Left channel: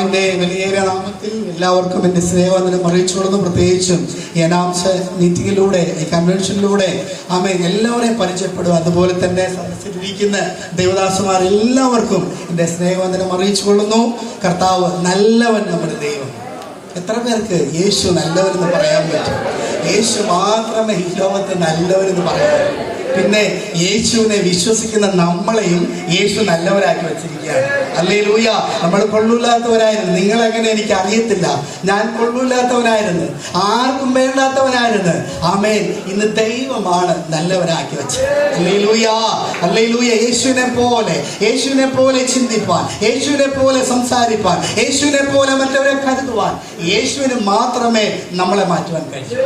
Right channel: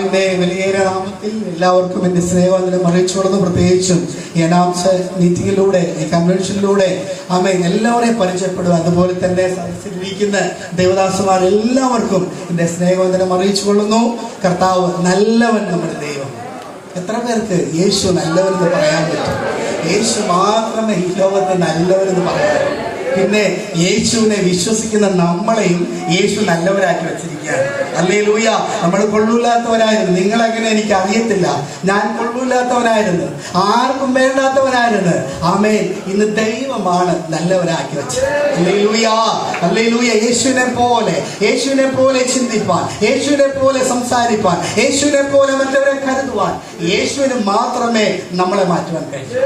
കർത്താവിന്റെ വിലയേറിയ നാമത്തിൽ എല്ലാവർക്കും എന്റെ സ്നേഹവന്ദനം അറിയിച്ചു കൊടുത്തു പ്രത്യേകിച്ചും ഈ അനാംസ മീറ്റിംഗിലൂടെ ഈ കൺവെൻഷനിലൂടെ അമ്മ എല്ലാവരെയും പരിചയപ്പെടുക. അതുപോലെ തന്നെ സദസ്സിലിരിക്കുന്ന ദേവദാസന്മാർ എല്ലാവർക്കും എന്റെ സ്നേഹവന്ദനം അറിയിച്ചു കൊള്ളുന്നു കർത്താവ് നല്ലവൻ നമ്മുടെ ദൈവം. എത്ര പേർക്ക് യേശു നല്ലവരെന്ന് പറയാൻ പറ്റും? യേശു മാത്രമേ ഈ ലോകത്ത് നല്ലവരെന്ന് പറയാൻ പിന്നെ യേശുവിനെ വിശ്വസിക്കുന്ന നമ്മളെയും യേശു നല്ലവരാക്കി വെച്ചിരിക്കുകയാണ്. അല്ലേ ലൂയ നമ്മൾ കൊള്ളൂല്ലാത്തവരായിരുന്നു. നിങ്ങൾ അങ്ങനെ എനിക്ക് അറിയത്തില്ല. ഞാൻ കൊള്ളൂല്ലാത്തവനായിരുന്നു. ആർക്കും വേണ്ടാത്തവനായിരുന്നു. ആമേൻ. ഇന്ന് ദൈവമാണ് നല്ലവരാക്കി വെച്ചത്. അല്ലേ ലൂയ അല്ലേ ലൂയ യേശുവിനെ പോലെ യേശുവിനെ പോലെ ചിന്തിപ്പാൻ യേശുവിനെ പോലെ സംസാരിപ്പാൻ യേശുവിനെ പോലെ മറ്റവരെ കരുതുവാൻ യേശുവിന് മാത്രമേ നമ്മളെ മാറ്റുവാൻ കഴിയൂ.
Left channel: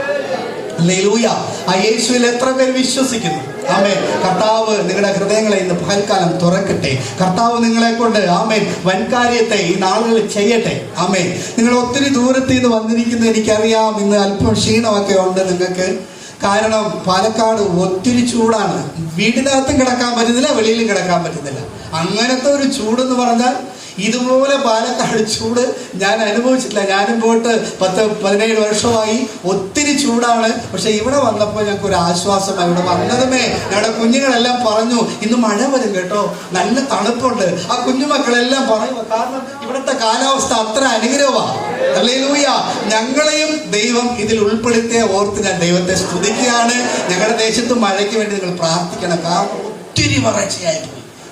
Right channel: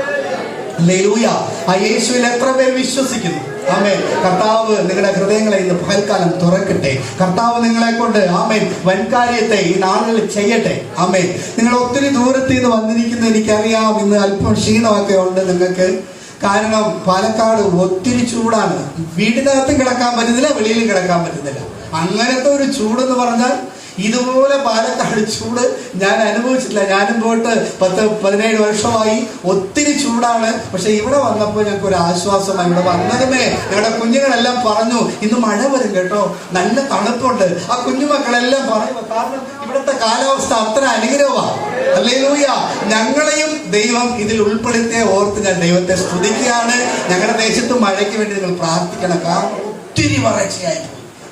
ലൂയ ആ യേശുവിൽ എത്ര പേർ വിശ്വസിക്കുന്നു? ആമേ കർത്താവ് നിങ്ങളുടെ ഹൃദയങ്ങളെ ഇന്ന് പകൽക്കാലം തുറക്കട്ടെ. കർത്താവ് നിങ്ങളെ കൊണ്ട് ആമേ വൻകാര്യത്തെ ഈ നാളുകളിൽ ചെയ്യട്ടെ. ആമേ നിങ്ങൾ ഒത്തിരി ദൂരത്തിൽ നിന്ന് വന്നിരിക്കുന്നത് എനിക്കറിയാം. ഇന്ന് അല്പം ക്ഷീണമൊക്കെ ഉണ്ട് നിങ്ങൾക്ക്. കാരണം പാലക്കാട് ഒത്തിരി ചൂടാണ്. വീടിനകത്തും കിടക്കാൻ പറ്റുന്നില്ല വെളിയിലും കിടക്കാൻ പറ്റുന്നില്ല. അങ്ങനത്തെ ഒരു ചൂടെന്ന് പറഞ്ഞാൽ ഇതുപോലെ പാലക്കാട് ചൂട് ഞാൻ അനുഭവിച്ചിട്ടില്ല. ഞാനും പോയിട്ട് പത്ത് പതിനേഴ് വർഷമായി ഒത്തിരി ചൂടാണ്. പക്ഷെ ഇവിടെ വന്നപ്പോൾ ഞങ്ങൾക്ക് ഒരു ആശ്വാസമായി ഇവിടെ വന്നതിനെ ഞങ്ങളുടെ കുഞ്ഞുങ്ങളെല്ലാം പറഞ്ഞു ഇന്ന് മഴ വരും കേട്ടോ. നല്ല തണുപ്പുണ്ട്. ആ കുഞ്ഞുമക്കളെല്ലാം പറയുക കാരണം ഇവിടുത്തെ കാലാവസ്ഥ അത്ര അനുഗ്രഹമാണ് അല്ലേ ലൂയ ഞങ്ങളെയും ദൈവം ഇതിൽ ഉൾപ്പെടുത്തിയ ഓർത്ത് ഞാൻ ദൈവത്തെ സ്തുതിക്കുകയാണ്. ഞങ്ങളുടെ ദേശത്ത് മഴയ്ക്ക് വേണ്ടി നിങ്ങൾ പ്രാർത്ഥിക്കണം. കാരണം ഒത്തിരി വരൾച്ചയായി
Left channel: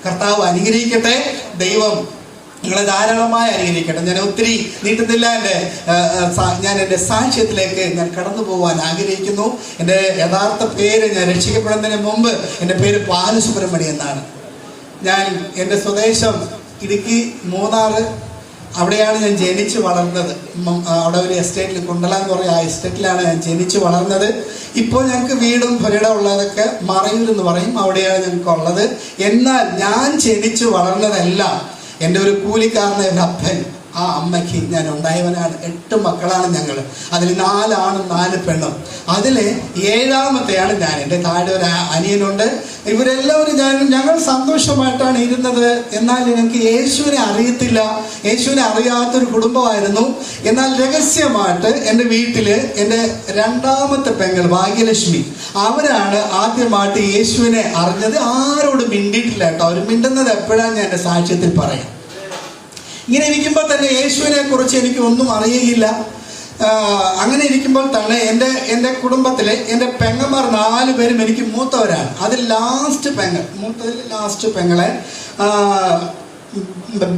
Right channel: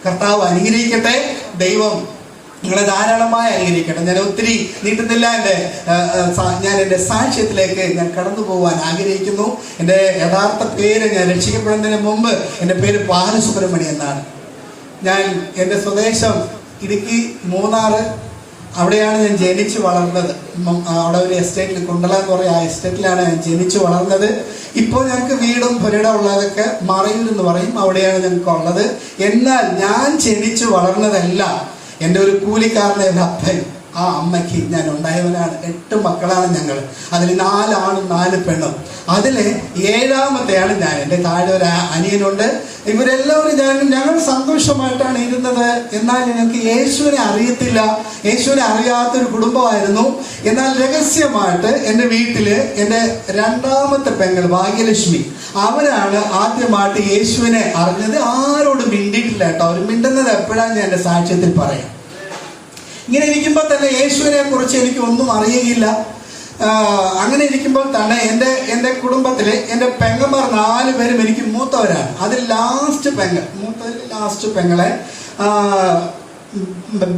കർത്താവ് അനുഗ്രഹിക്കട്ടെ. ദൈവം നിങ്ങളെ ധാരാളമായി അനുഗ്രഹിക്കട്ടെ ഞാൻ ഒത്തിരി നീട്ടുന്നില്ല എന്റെ ഞാൻ എന്റെ സാക്ഷ്യത്തിലേക്ക് ഞാൻ കടന്നു പോകാൻ ആഗ്രഹിക്കുന്നു. എന്റെ യഥാർത്ഥ പേര് ഞാൻ രക്ഷിക്കപ്പെടുന്നതിന് മുമ്പ് എന്റെ പേര് ബാലസുബ്രഹ്മണി എന്നാണ്. ഞാൻ എന്റെ സ്വദേശം ഇടുക്കി മൂന്നാറ്. അവിടെയാണ് ഞാൻ ജനിച്ചു വളർന്നത്. അവിടെ ഒരു എസ്റ്റേറ്റിൽ കുണ്ടല എന്ന് പറയുന്ന ആ എസ്റ്റേറ്റിലാണ് ഞാൻ ജനിച്ചു വളർന്നത്. ഇപ്പോൾ ഞങ്ങൾക്ക് വീടും പുരയിടം ഉള്ളതൊക്കെ മറയൂർ എന്ന് പറയും. അവിടെയാണ് ഞങ്ങൾക്ക് ഉള്ളത് എന്നാൽ ഞാൻ ജനിച്ചു വളർന്നതെല്ലാം. എന്റെ ഒരു കൂലിക്കാരന്റെ എന്റെ അപ്പൻ ആ അമ്മയ്ക്ക് ഞാൻ ഉണ്ടായവനാണ്. എട്ട് മക്കളാണ് ഞങ്ങൾ. അതിൽ നാലാണും നാല് പെണ്ണും. അതിൽ ഏഴാമത്തെയാണ് ഞാൻ. എന്റെ താഴെ ഒരു ആ- അനിയനുണ്ട്. ഇവരെല്ലാവരും ഞാൻ ഞങ്ങൾ സന്തോഷമായിട്ടാണ് ഇരുന്നത്. എന്നാൽ ഞങ്ങൾക്ക് യേശുവിനെ അറിയത്തില്ല. യേശുവിനെ അറിയാത്തൊരു കുടുംബമായിരുന്നു. എന്നാൽ രഹസ്യമായിട്ട് എന്റെ വീട്ടിൽ എന്റെ രണ്ടാമത്തെ പെങ്ങൾ ഭാഗ്യലക്ഷ്മി അവരാണ് ആദ്യമായിട്ട് യേശുവിനെ അറിഞ്ഞത്. ആരോടും മിണ്ടിയിട്ടില്ല കേട്ടോ. അവർ മിണ്ടുന്നത് എപ്പോഴാണ് ഞാൻ എന്റെ സാക്ഷ്യത്തിൽ പറയാം. ഇങ്ങനെ ഇരിക്കുമ്പോൾ തന്നെ യേശുവിനെ കുറിച്ച് എനിക്ക് ഒന്നും അറിയുകയില്ല. അങ്ങനെ ഇരിക്കുമ്പോൾ തന്നെ എന്റെ എന്റെ കുടുംബത്തിലെ എന്റെ പെങ്ങന്മാർ നാല് പേരും എനിക്ക് മൂത്തവരാണ്. അതിൽ ലാസ്റ്റ് പെങ്ങൾ മൂത്തതിൽ ലാസ്റ്റ് പെങ്ങളെ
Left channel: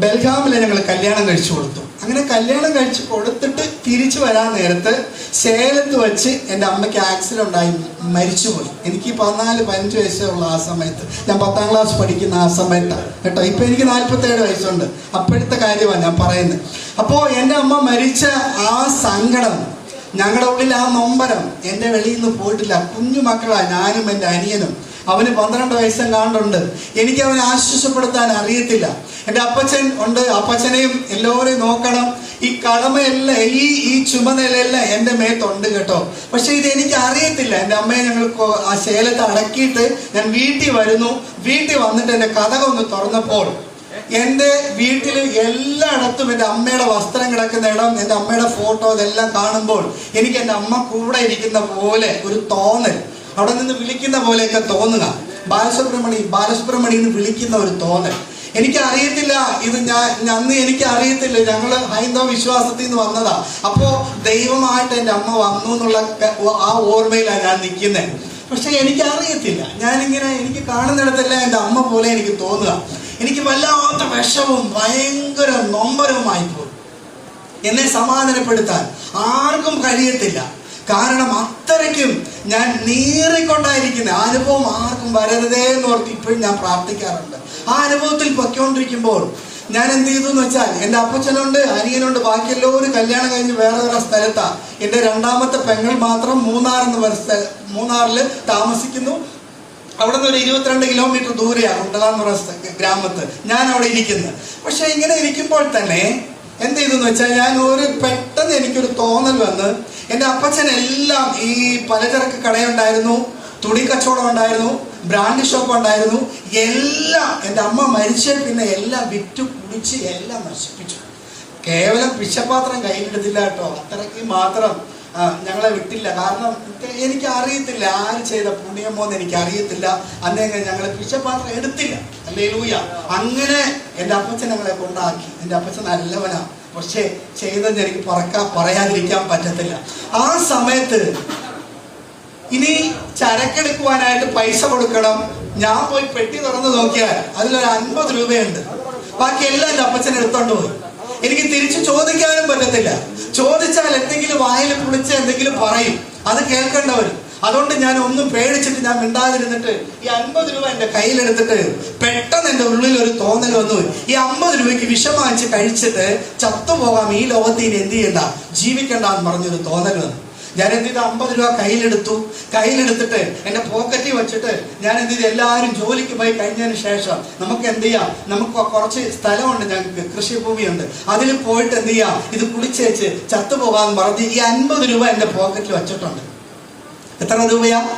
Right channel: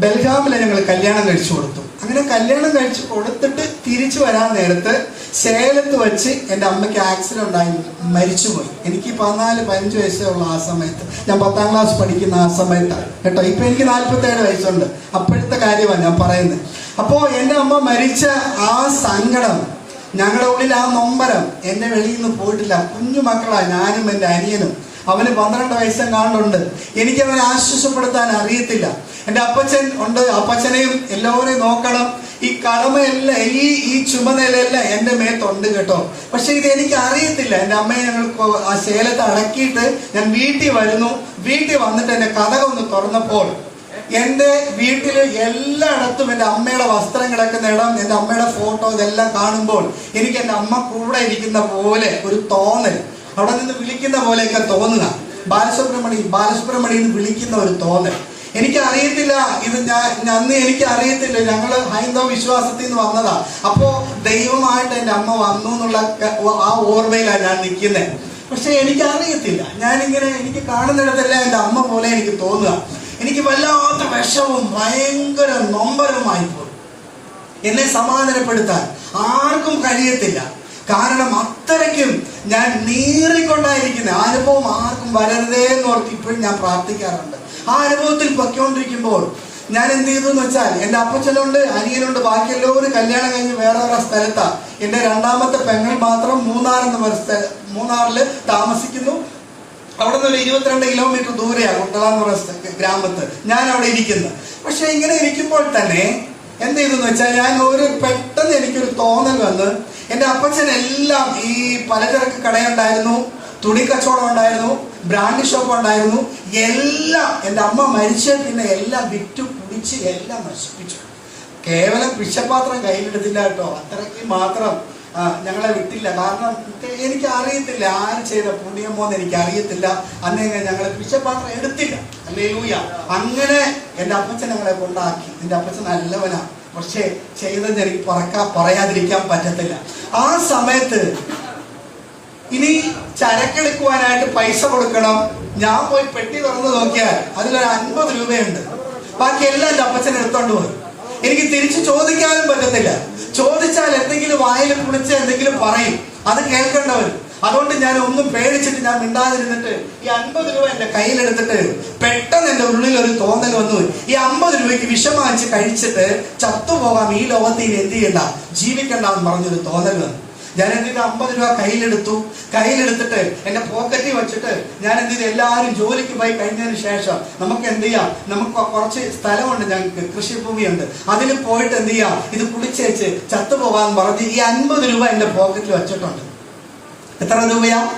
ബെൽഗാമിലെ ഞങ്ങൾ കല്യാണം കഴിച്ചു കൊടുത്തു. അങ്ങനെ കല്യാണം കഴിച്ച് കൊടുത്തിട്ട് തിരിച്ചു വരാൻ നേരത്ത് സേലത്ത് വെച്ച് എന്റെ അമ്മയ്ക്ക് ആക്സിഡന്റ് ഉണ്ടായി മരിച്ചുപോയി. എനിക്ക് പതിനാല് പതിനഞ്ച് വയസ്സേ ഉള്ള ആ സമയത്ത്. ഞാൻ പത്താം ക്ലാസ് പഠിക്കുന്ന ആ സമയത്താണ് കേട്ടോ. ഇപ്പൊ എനിക്ക് നാല്പത്തേഴ് വയസ്സുണ്ട്. അപ്പോഴത്തെ കാര്യമാണ് ഞാൻ പറയുന്നത്. അപ്പോ എന്റെ അമ്മ മരിച്ച ആ സങ്കടം ഞങ്ങളുടെ ഉള്ളിൽ ആ നൊമ്പരം എന്റെ വെളിയിൽ നിന്ന് പോയിട്ടില്ല. കുഞ്ഞു മക്കളാണ് ഞാനും എന്റെ അനിയനും. അവന് പന്ത്രണ്ട് വയസ്സും കാണുന്നുണ്ട് എനിക്ക് അവനെ ആശ്വസപ്പെടുത്താൻ അറിയത്തില്ല. എന്റെ അപ്പച്ചൻ ഉണ്ട്. അപ്പച്ചനെയും എല്ലാവരെയും നോക്കണം. ഈ കടമയല്ല ഈ ഈ ചുമതലയല്ല എന്റെ മേത്തുണ്ട് കേട്ടോ. പക്ഷെ ഇത് എനിക്ക് അറിയത്തില്ല. എന്റെ അമ്മയെ ഞങ്ങൾ ആ ശേലത്ത് അടക്കിയിട്ട് ഞാൻ വീട്ടിൽ വരുന്നു. വീട്ടിൽ വന്നിട്ട് എന്റെ കഥകൊന്ന് തുറന്നപ്പോൾ എന്റെ വീട്ടിൽ എല്ലായിടത്തും എന്റെ അമ്മയുടെ വസ്ത്രം കിടക്കുന്ന ഇടം എന്റെ അമ്മയുടെ ഫോട്ടോ ഇതെല്ലാം കാണുമ്പോൾ എനിക്ക് എന്റെ അമ്മ കൂടെ ഇരിക്കുന്ന പോലെ ഒരു തോന്നൽ. അവിടെ നിന്ന് വിളിക്കുന്ന പോലെയൊക്കെ തോന്നുക. ബാലസുബ്രഹ്മണി ബാലസുബ്രഹ്മണി എന്ന് വിളിക്കുന്ന ഒരു തോന്നൽ. എനിക്ക് അറിയത്തില്ല ഇത് ഞാൻ അന്ന് എനിക്ക് അറിയത്തില്ല ഞങ്ങൾ ഹൈന്ദവ വിശ്വാസത്തിൽ നിന്ന് വന്നതാ. അപ്പോ ദൈവമായിട്ട് എന്റെ അമ്മ വന്നു എന്നുള്ള ആ ഓർമ്മയിലാണ് ഞാൻ നിൽക്കുന്നത് പക്ഷെ എനിക്ക് അറിയത്തില്ല ഞാനിങ്ങനെ എനിക്ക് കാണുന്നിടത്തെല്ലാം എന്റെ അമ്മ പോലെ എനിക്ക് തോന്നുക. എനിക്ക് വല്ലാത്ത വിഷവും ഭയങ്കര നൊമ്പരവുമായി പോയി എന്നെ സമാധാനപ്പെടുത്താൻ ആർക്കും കഴിയത്തില്ല. കാരണം അത്രയ്ക്കും ഞാൻ നീറിക്കൊണ്ടായിരിക്കുന്ന. അനുഭവം ആർക്കും വരരുതേ എന്ന് ഓർത്ത് ഇപ്പോഴും ഞാൻ പ്രാർത്ഥിക്കാറുണ്ട്. ആ അനുഭവത്തിൽ പൊയ്ക്കൊണ്ടിരിക്കുമ്പോൾ ഞാൻ എന്ത് ചെയ്തു എന്ന് വെച്ചാൽ എന്റെ അപ്പച്ചനുണ്ട് അനിയനുണ്ട് ബാക്കി എല്ലാവരും കല്യാണം കഴിഞ്ഞ് വേറെ വേറെ സ്ഥലത്താ. എന്റെ രണ്ടാമത്തെ പെങ്ങൾ മാത്രം മൂന്നാർ എന്ന് പറഞ്ഞ താമസിക്കുന്നു. അവിടെ നിന്ന് ഒരു ഇരുപത്തിരണ്ട് കിലോമീറ്റർ ദൂരെയാണ് കുട്ടള എന്ന് പറഞ്ഞ ഗ്രാമത്ത്. ഞാൻ അവിടെ ഇരിക്കുന്നത് പക്ഷെ ഇങ്ങനെ ഇരിക്കുമ്പോൾ തന്നെ എന്ത് ചെയ്തെന്ന് വെച്ചാൽ ഞാൻ ഒരു പെട്ടെന്ന് എനിക്കൊരു തോന്നൽ വന്ന് എന്റെ അപ്പച്ചൻ എല്ലാം ഈ പലചരക്ക് കടയുണ്ടായിരുന്നു തുണി കച്ചവടം ഉണ്ടായിരുന്നു. ബ്രാൻഡ് ഷോപ്പ് ഉണ്ടായിരുന്നു. എല്ലാം എന്റെ അമ്മ മരിച്ച പിന്നെ എല്ലാം വിറ്റ് കുടിച്ച് എല്ലാം നശിപ്പിച്ചു. കേവലം പിശപാത്രം കയ്യിലെടുത്തില്ല കേട്ടോ. അത്രയ്ക്ക് മാത്രം ഞങ്ങളെ വിട്ടില്ല. കാരണം എനിക്ക് അറിയത്തില്ല. ആര് ചെയ്ത പുണ്യമോ എന്ന് എനിക്ക് അറിയത്തില്ല. അന്നേങ്ങനെ ഞങ്ങളെ പിശപാത്രം എടുത്തില്ല. അല്ലേ ലൂയ അങ്ങനെ എന്റെ അപ്പച്ചൻ ഞങ്ങളെ കൊണ്ടാക്കി. എന്റെ അപ്പച്ചൻ നല്ലവനാ. പക്ഷേ ചെയ്തത് എനിക്ക് പറക്കാൻ പറയാതിരിക്കാൻ പറ്റത്തില്ല. ആ സമയത്ത് ഇനി ചരക്കെടുക്കുവാനായിട്ട് പൈസ കൊടുക്കണം. ഞാൻ പോയി പെട്ടി തുറന്ന് നോക്കിയാൽ അതിലൊരു അൻപത് രൂപയുണ്ട്. ബാക്കി എല്ലാം എന്റെ അപ്പച്ചൻ എടുത്തോണ്ട് പോയി. എനിക്ക് തിരിച്ചു ചോദിക്കാനും പറ്റത്തില്ല. ചോദിച്ചാൽ എന്തെങ്കിലും വായിൽ കുളിച്ച് എന്തെങ്കിലും പറയും. അത് കേൾക്കേണ്ടവർ അതുകൊണ്ട് ഞാൻ ഒന്നും പേടിച്ചിട്ട് ഞാൻ മിണ്ടാതിരുന്നിട്ട് ഈ അൻപത് രൂപ എന്റെ കയ്യിലെടുത്തിട്ട് പെട്ടെന്ന് എന്റെ ഉള്ളിൽ ഒരു തോന്നൽ വന്നു. ഈ അമ്പത് രൂപയ്ക്ക് വിഷം വാങ്ങിച്ച് കഴിച്ചിട്ട് ചത്തുപോകാം ഈ ലോകത്തിന് എന്ത് ചെയ്യണ്ട? ജീവിക്കണ്ട എന്ന് പറഞ്ഞൊരു തോന്നൽ വന്നു. ഞാൻ എന്ത് ചെയ്തു? അമ്പത് രൂപ കയ്യിലെടുത്തു. കയ്യിലെടുത്തിട്ട് എന്റെ പോക്കറ്റിൽ വെച്ചിട്ട് ഞാൻ എന്ത് ചെയ്തു? എല്ലാവരും ജോലിക്ക് പോയി കഴിഞ്ഞതിന് ശേഷം നമുക്ക് എന്ത് ചെയ്യാം? നമുക്ക് കുറച്ച് സ്ഥലമുണ്ട് ഞങ്ങൾക്ക്. കൃഷിഭൂമിയുണ്ട്. അതിൽ പോയിട്ട് എന്ത് ചെയ്യാം? ഇത് കുളിച്ചേച്ച് ചത്തുപോകാൻ പറഞ്ഞ് ഈ അൻപത് രൂപ എന്റെ പോക്കറ്റിൽ വെച്ചിട്ടുണ്ട്. എത്ര രൂപയാ?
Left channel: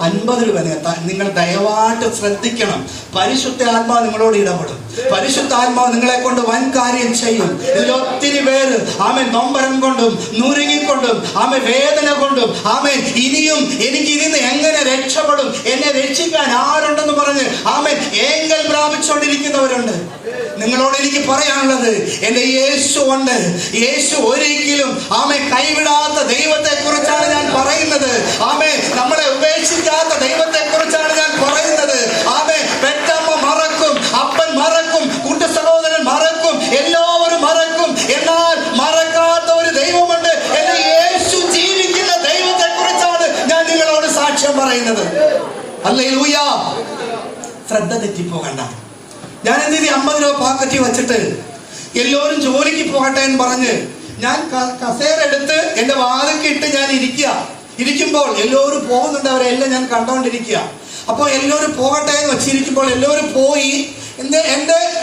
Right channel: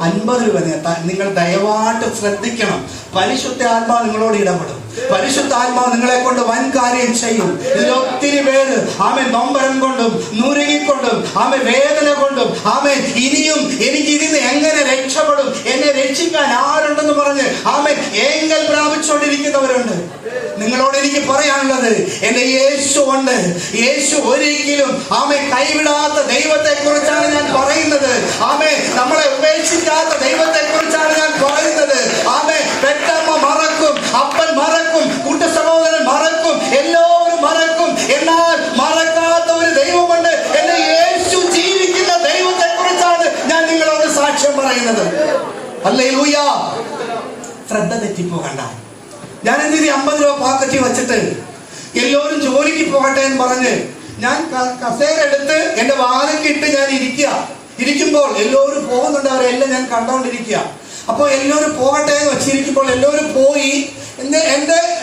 അൻപത് രൂപ. നിങ്ങൾ ദയവായിട്ട് ശ്രദ്ധിക്കണം. പരിശുദ്ധ ആത്മാവ് നിങ്ങളോട് ഇടപെടും. പരിശുദ്ധ ആത്മാവ് നിങ്ങളെ കൊണ്ട് വൻ കാര്യം ചെയ്യും. ഇതിൽ ഒത്തിരി പേര് ആമെ നൊമ്പരം കൊണ്ടും നുരുങ്ങിക്കൊണ്ടും ആമെ വേദന കൊണ്ടും ആമെ ഇനിയും എനിക്ക് ഇതിന് എങ്ങനെ രക്ഷപ്പെടും? എന്നെ രക്ഷിക്കാൻ ആരുണ്ടെന്ന് പറഞ്ഞ് ആമെ ഏങ്കൽ പ്രാപിച്ചുകൊണ്ടിരിക്കുന്നവരുണ്ട്. നിങ്ങളോട് എനിക്ക് പറയാനുള്ളത് എന്റെ യേശു ഉണ്ട്. യേശു ഒരിക്കലും ആമെ കൈവിടാത്ത ദൈവത്തെ കുറിച്ചാണ് ഞാൻ പറയുന്നത്. ആമെ നമ്മളെ അല്ലേ ശ്രദ്ധ തെറ്റിപ്പോകണ്ട ഞാൻ എന്ത് ചെയ്തു അമ്പത് രൂപ പാക്കറ്റ് വെച്ചിട്ട് എല്ലാവരും ജോലിക്ക് പോകട്ടെ എന്ന് പറഞ്ഞ് ഞാൻ കസേര എടുത്ത് എന്റെ വാതിൽക്ക് ഇട്ട് ഞാൻ ഇരിക്കുക. ഇരിക്കുമ്പോൾ എല്ലാവരും പോകുന്നുണ്ട്. അവരെല്ലാം ഞാൻ കണ്ടോണ്ടിരിക്കുക. അപ്പോൾ എല്ലാവരും പോകട്ടെ എന്ന് വെച്ചിരിക്കുമ്പോൾ എല്ലാവരും പോയി. എന്റെ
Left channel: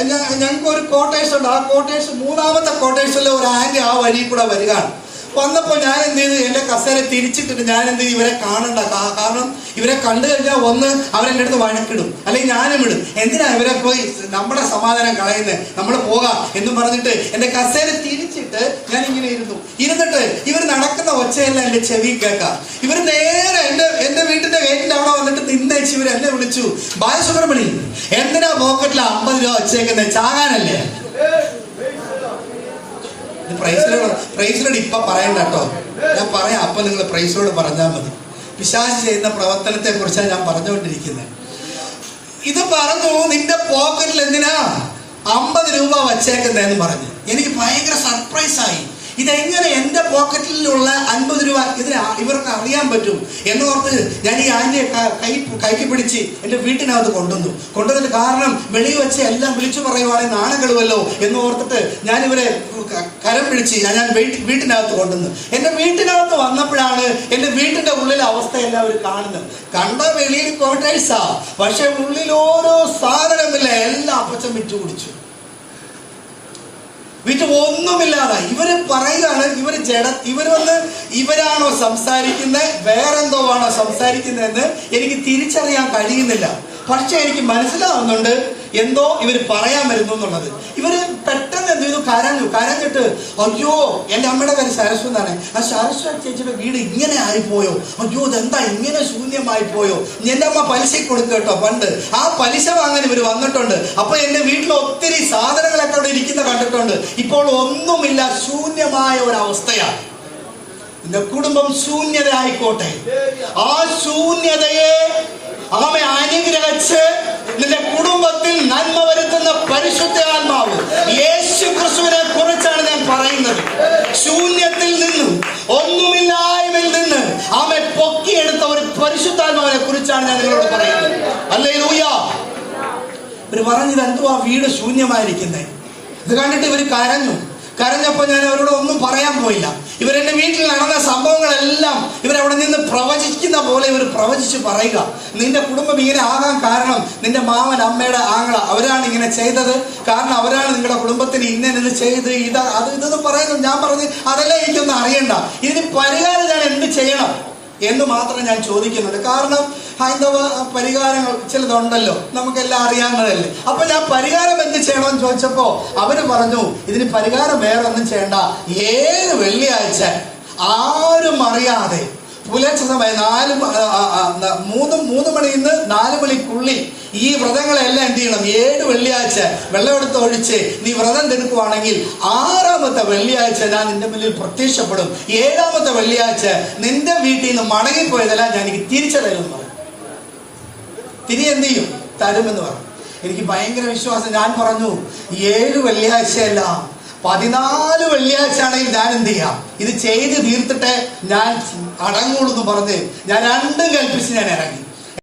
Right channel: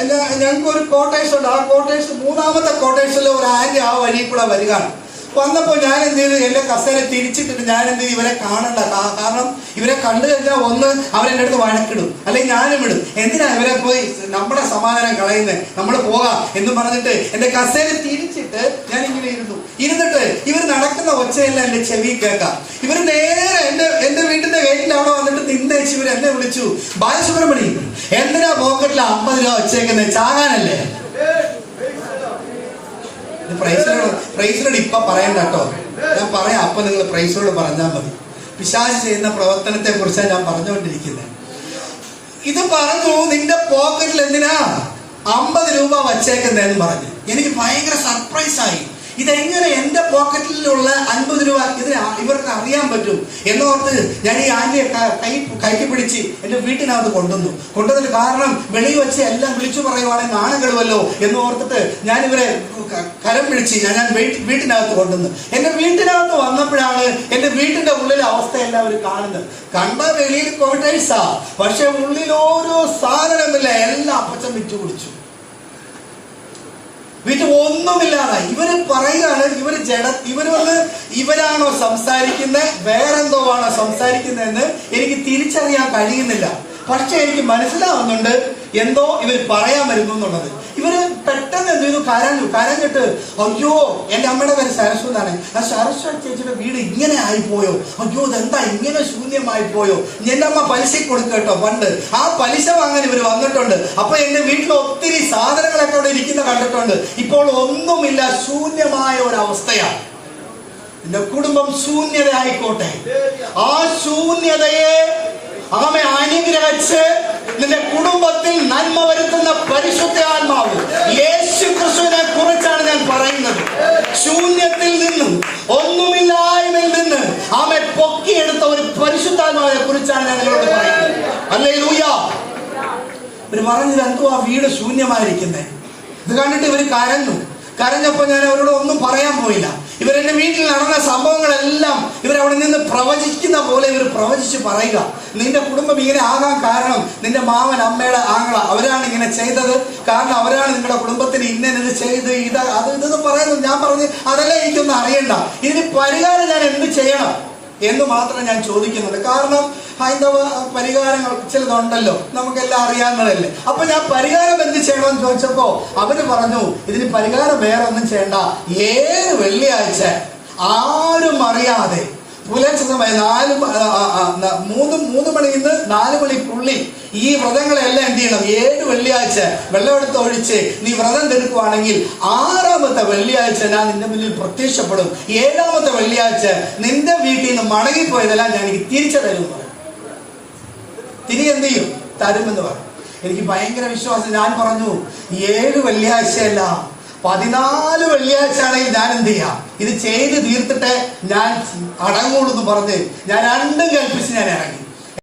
എന്റെ ഞങ്ങൾക്ക് ഒരു കോട്ടേഴ്സ് ഉണ്ട്. ആ കോട്ടേഴ്സ് മൂന്നാമത്തെ കോട്ടേഴ്സിലെ ഒരു ആന്റി ആ വഴി കൂടെ വരികയാണ് വന്നപ്പോൾ ഞാൻ എന്ത് ചെയ്തു എന്റെ കസേര തിരിച്ചിട്ടിട്ട് ഞാൻ എന്ത് ചെയ്തു ഇവരെ കാണണ്ട. കാരണം ഇവരെ കണ്ടു കഴിഞ്ഞാൽ ഒന്ന് അവരെന്റെ അടുത്ത് വഴക്കിടും. അല്ലെങ്കിൽ ഞാനും ഇടും. എന്തിനാ ഇവരെ പോയി നമ്മുടെ സമാധാനം കളയുന്നത് നമ്മൾ പോകാം എന്ന് പറഞ്ഞിട്ട് എന്റെ കസേര തിരിച്ചിട്ട് ഞാൻ ഇങ്ങനെ ഇരുന്നു. ഇരുന്നിട്ട് ഇവർ നടക്കുന്ന ഒച്ചയെല്ലാം എന്റെ ചെവി കേൾക്കാം. ഇവർ നേരെ എന്റെ എന്റെ വീട്ടിന്റെ ഗേറ്റിന്റെ അവിടെ വന്നിട്ട് നിന്നേച്ച് ഇവർ എന്നെ വിളിച്ചു. ബാലസുബ്രഹ്മണി എന്തിനാ പോക്കറ്റിൽ അമ്പത് രൂപ വെച്ചേക്കുന്നത് ചാകാനല്ലേ? പ്രൈസിനോട് പ്രൈസിനോട് ഇപ്പൊ പറയണ്ട കേട്ടോ ഞാൻ പറയാം അപ്പൊ നിങ്ങൾ പ്രൈസിനോട് പറഞ്ഞാൽ മതി. പിശാച് ചെയ്യുന്ന പ്രവർത്തനത്തെ കുറിച്ചാണ് ഞാൻ പറഞ്ഞുകൊണ്ടിരിക്കുന്നത് ഇത് പറഞ്ഞു നിന്റെ പോക്കറ്റിൽ എന്തിനാ? അമ്പത് രൂപ വച്ചേക്കുന്നതെന്ന് പറഞ്ഞു. എനിക്ക് ഭയങ്കര സർപ്രൈസ് ആയി. ഇതെങ്ങനെ എന്റെ പോക്കറ്റിലുള്ള അൻപത് രൂപ ഇതിന് ഇവർക്ക് അറിയാൻ പറ്റും എന്ന് ഓർത്ത് ഞാൻ ഈ ആന്റിയെ കൈ കൈക്ക് പിടിച്ച് എന്റെ വീട്ടിനകത്ത് കൊണ്ടുവന്നു. കൊണ്ടുവന്നത് കാരണം വെളിയിൽ വെച്ച് എല്ലാം വിളിച്ചു പറയുവാണെ നാണകളുമല്ലോ എന്ന് ഓർത്തിട്ട് ഞാൻ ഇവരെ കരം പിടിച്ച് ഞാൻ ഞാൻ വീട്ടിനകത്ത് കൊണ്ടുവന്നു. എന്റെ വീട്ടിനകത്ത് വന്നപ്പോഴാണ് എന്റെ വീട്ടിന്റെ ഉള്ളിലെ അവസ്ഥ എല്ലാവരും കാണുന്നത്. കണ്ട വെളിയിൽ കോട്ടേഴ്സാ. പക്ഷെ ഉള്ളിൽ ഓരോ സാധനമില്ല എല്ലാം അപ്പച്ചൻ വിറ്റു വീട്ടിൽ ഒന്നുമില്ലാതെ ഇവർ പറയുകയാണ് ഇവർ ജഡ ഇവർ വന്ന് ഇവരാണോ സംസാരിക്കുന്നത് വേറെന്തോ ആണോ സംസാരിക്കുന്നതെന്ന് എനിക്ക് തിരിച്ചറിയാൻ കഴിയുന്നില്ല. പക്ഷെ എനിക്ക് മനസ്സിലാവുന്നുണ്ട് എന്തോ ഇവർ പറയാൻ വരുന്നു എന്നുള്ളത്. ഇവർ ചെയ്തു കരഞ്ഞു. കരഞ്ഞിട്ട് അയ്യോ എന്റെ അമ്മയുടെ പേര് സരസ്വ എന്നാണ്. ആ സരസ്വ ചേച്ചിയുടെ വീട് ഇങ്ങനെ ആയിപ്പോയോ? അയ്യോ ഇതെന്താ? ഇങ്ങനെ ശൂന്യമായി പോയോ? എന്റെ അമ്മ പലിശ കൊടുക്കട്ടോ കേട്ടോ പണ്ട് ആ പലിശ വാങ്ങാൻ ഇവർ വന്നിട്ടുണ്ട്. അപ്പൊ എന്റെ വീട്ടിൽ ഒത്തിരി സാധനങ്ങളൊക്കെ അവിടെ ഇരിക്കുന്ന കണ്ടിട്ടുണ്ട്. ഇപ്പോൾ ഒന്നുമില്ല ശൂന്യമായ ഒരവസ്ഥയാണ് കുടുംബം ശൂന്യത ആയിക്കോട്ടെ ആ ശൂന്യതയെ ആമെ അനുഗ്രഹിച്ച് നിന്റെ കുടുംബത്തിൽ നന്മ വരുത്തുന്ന പരിശുദ്ധ ആത്മാവ് യേശു ക്രിസ്തുവിനെ കുറിച്ചാണ് ഞാൻ പറയുന്നത്. ശൂന്യത്തിൽ നിന്നും ഒന്നുമില്ലായ്മയിൽ നിന്ന് ആമെ പൊക്കിയെടുത്ത ഒരു പരിശുദ്ധാത്മാവിനെ കുറിച്ചാണ് ഞാൻ നിങ്ങളോട് പറയുന്നത്. അല്ലേ ലൂയ ഇവർ പറഞ്ഞത് എന്തോ ആ വീട് ശൂന്യമായിരിക്കുന്നത് ഇത് കണ്ടിട്ട് ഇവർ കരഞ്ഞു. കരഞ്ഞപ്പോ ഞാൻ അവരോട് ഒന്നും പറയാൻ പോയില്ല. ഇവരെന്റെ വീട്ടിൽ നടന്ന സംഭവങ്ങളെല്ലാം ഇവരവിടെ നിന്ന് പ്രവചിക്കുന്ന പോലെ ഇവർ പ്രവചിച്ച് പറയുക. നിന്റെ കുടുംബം ഇങ്ങനെ ആകാൻ കാരണം നിന്റെ മാമൻ അമ്മയുടെ ആങ്ങള അവരാണ് ഇങ്ങനെ ചെയ്തത്. കാരണം അവരാണ് നിങ്ങളുടെ കുടുംബത്തിന് ഇന്നത് ചെയ്ത് ഇത് അത് ഇതെന്ന് പറയുന്നത് ഞാൻ പറഞ്ഞു അതല്ല എനിക്കൊന്നും അറിയണ്ട. ഇതിന് പരിഹാരം ഞാൻ എന്ത് ചെയ്യണം? എന്ന് മാത്രം ഞാൻ ചോദിക്കുന്നത്? കാരണം ഹൈന്ദവ പരിഹാരങ്ങൾ ചിലതുണ്ടല്ലോ. നമുക്കെല്ലാം അറിയാവുന്നതല്ലേ. അപ്പൊ ഞാൻ പരിഹാരം എന്ത് ചെയ്യണമെന്ന് ചോദിച്ചപ്പോ അവർ പറഞ്ഞു ഇതിന് പരിഹാരം വേറെ ഒന്നും ചെയ്യണ്ട. ഏത് വെള്ളിയാഴ്ച ആരും അറിയാതെ പുലർച്ചെ സമയം നാല് മൂന്ന് മൂന്ന് മണിയിൽ നിന്ന് നാല് മണിക്കുള്ളിൽ ഈ വ്രതങ്ങളെല്ലാം എന്ത് ചെയ്യണം? ഏഴ് വെള്ളിയാഴ്ച വെള്ളമെടുത്ത് ഒഴിച്ച് നീ വ്രതം എടുക്കുവാണെങ്കിൽ ആറാമത്തെ വെള്ളിയാഴ്ച ഞാൻ നിന്റെ മുന്നിൽ പ്രത്യക്ഷപ്പെടും. ഏഴാമത്തെ വെള്ളിയാഴ്ച നിന്റെ വീട്ടിൽ നിന്ന് മടങ്ങിപ്പോയതെല്ലാം ഞാൻ എനിക്ക് തിരിച്ചറിയും തിരി എന്ത് ചെയ്യും? തരുമെന്ന് പറയും. എനിക്ക് ഭയങ്കര വിശ്വാസം. ഞാൻ പറഞ്ഞു ഏഴ് വെള്ളിയാഴ്ചയല്ല പതിനാല് വെള്ളിയാഴ്ചയാണെങ്കിൽ ഞാൻ എന്ത് ചെയ്യാം? ഇത് ചെയ്ത് തീർത്തിട്ട് ഞാൻ അടങ്ങുള്ളൂ എന്ന് പറഞ്ഞ് ഞാൻ രണ്ടും കൽപ്പിച്ച് ഞാൻ ഇറങ്ങി.